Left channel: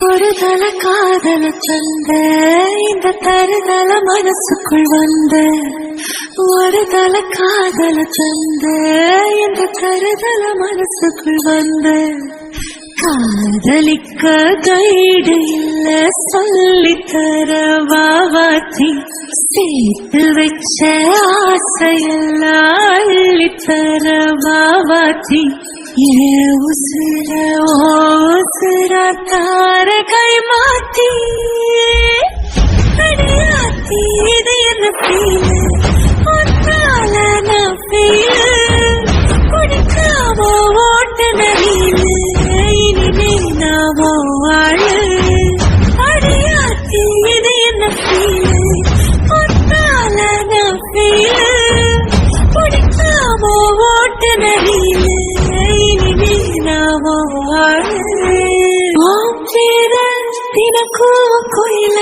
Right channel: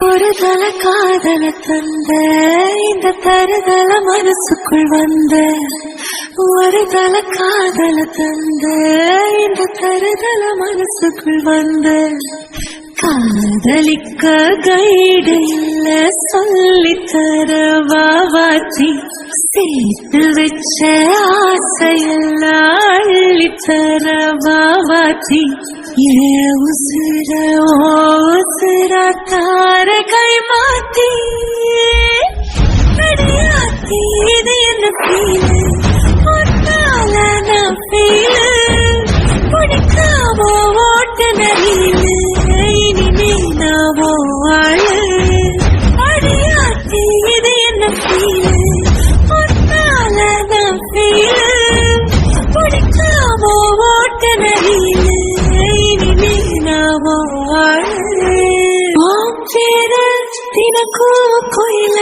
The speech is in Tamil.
ஒரு தல காதல தந்த இந்த தருதல மனசுக்குள் வந்த ஒரு தல காதல தந்த இந்த தருதல மனசுக்குள் வந்த காதலிக்க கைடு இல்ல சொல்லித்தர வாவாச்சி சேர்த்து வச்ச ஆசையெல்லாம் அள்ளித்தர வாவாச்சி உசிர தார கை மாத்தி இது என்ன குடிக்காம ஓட்டு நடியில் இனிமே நாம வாழ அடியாத்தி இது என்ன குடிக்காம ஓட்டு நடியில் தினக்கும் கோயில